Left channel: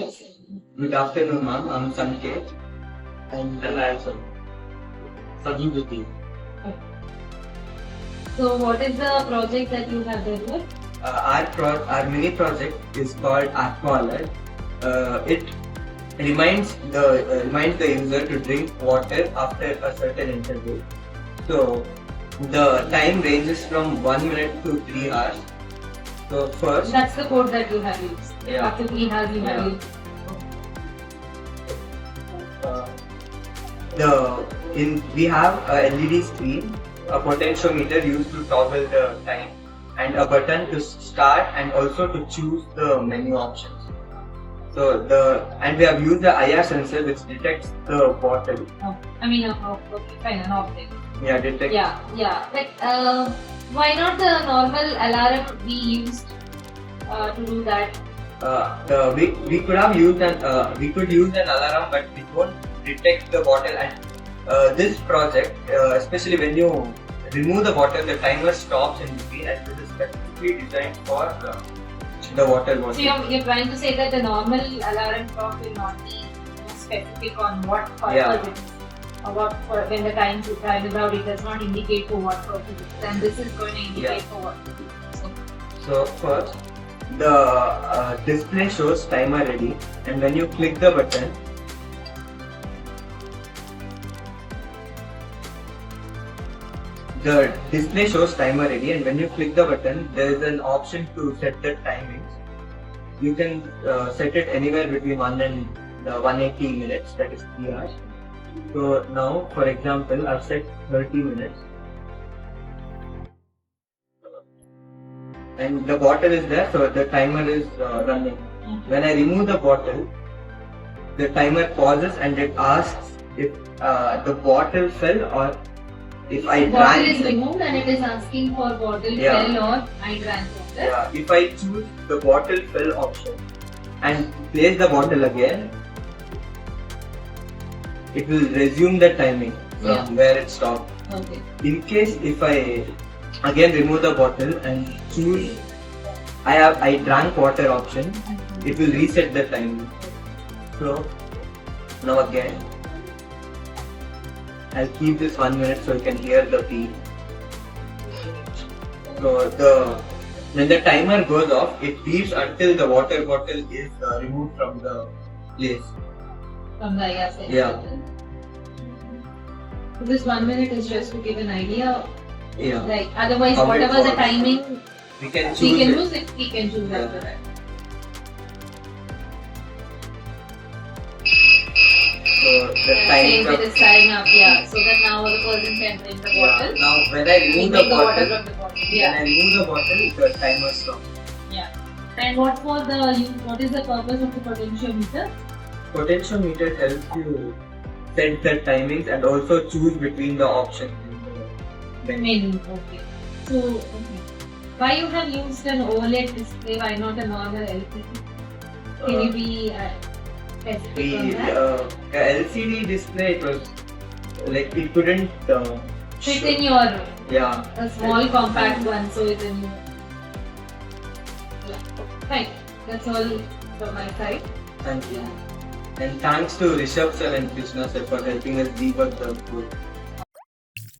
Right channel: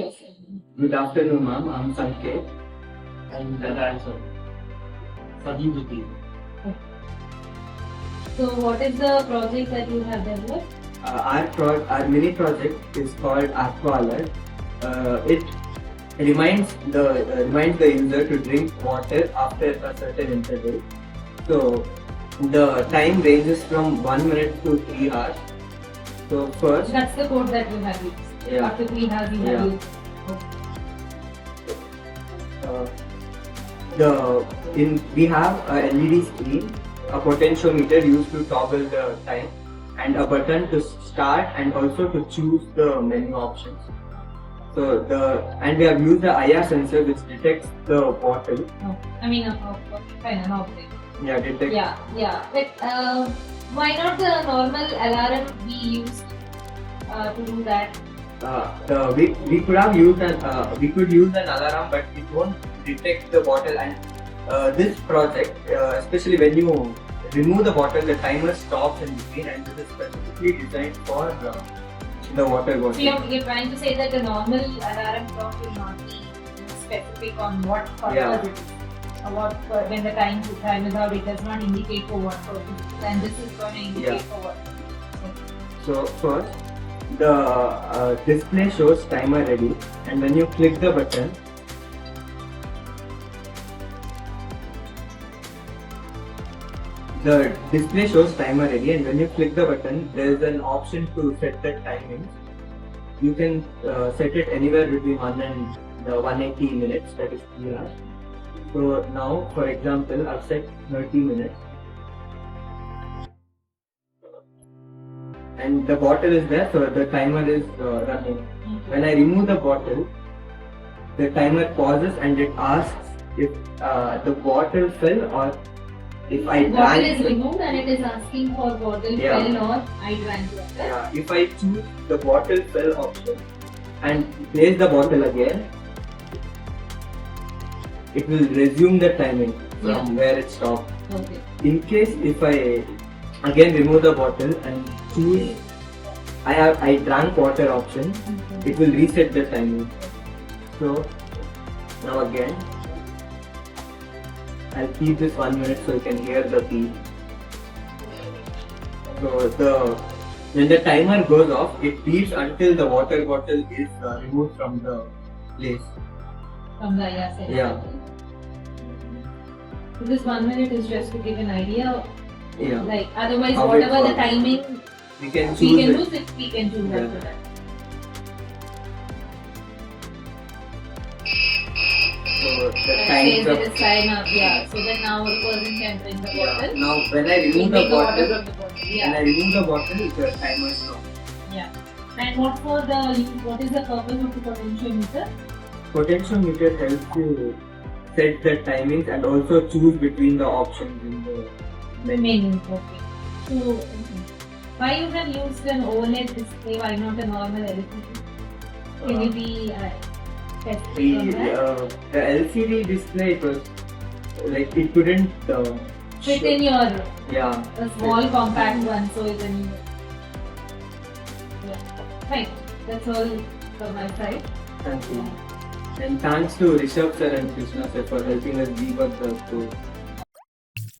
Good afternoon, ma'am. I'm Sanket. And I also Sagi with you. So what is the project that you have developed? Our mini project is called Aqua Alert. It reminds the user to drink water after a certain interval. So the time ranges from 1 minute to 3 hours. So first, That's the code that you have used. Yeah. After 3 hours you have used. We have a LED screen, a potentiometer used to toggle the time, and a button to start and also to choose the menu options. So we have used the IR sensor which detects the bottle. Fine, an object. Yeah, detect. Yeah. But why not the normal alarm be used to do that? We could have used we could use an alarm, but it won't detect the bottle. And this project, especially when you remove the bottle, the timer stops in between, and this is specifically designed for the water bottle. So you're trying to say that the normal alarm clock will not be specific on what purpose it is. When the time is out, it does not indicate for what purpose it is, and this is going to indicate for what purpose. So first, the display shows timer ready, and when you click the button, there is an option to set the timings. You can set it anywhere between 1 and 180 minutes, that is 3 hours. So now, for example, I've set 30 minutes. And the bottle is there, so the timer is running. When I remove the bottle, the timer pauses and it asks if the bottle fell or if I drank. Bottle is removed and it is asking for bottle fell or I drank water. Yeah, if I choose the bottle fell option and place the bottle again, it will resume the timing from where it stopped. Okay. In case if I again remove the bottle and choose I drank water option, it will reset the timing. So now again I'll keep this 1 minute so you can hear the beep. So when the timer goes off, it beeps until the water bottle is removed from the place. From the IR sensor. Yeah. So this 1 minute is just to give an idea. Yeah. Like otherwise, How whatever it the timing we can choose we can it. choose it, we can choose after that. So the Says time it is time up, so that now the person can drink the bottle. Now when I remove the Take the water bottle, from the bottle. when I remove the bottle, the timer stops. Yeah. And what is the purpose of the potentiometer? Potentiometer helps you set the timings and also choose between the options in the menu. Okay. So, why you have used an OLED display? Why not a normal LCD? Can you be specific on that? The LCD display, it was like it couldn't Fit in your a small Fit. compact one, so it in. Fine. That's all from my side. Thank you. And thanks to Rishabh sir and Krishna sir for helping us debug the code.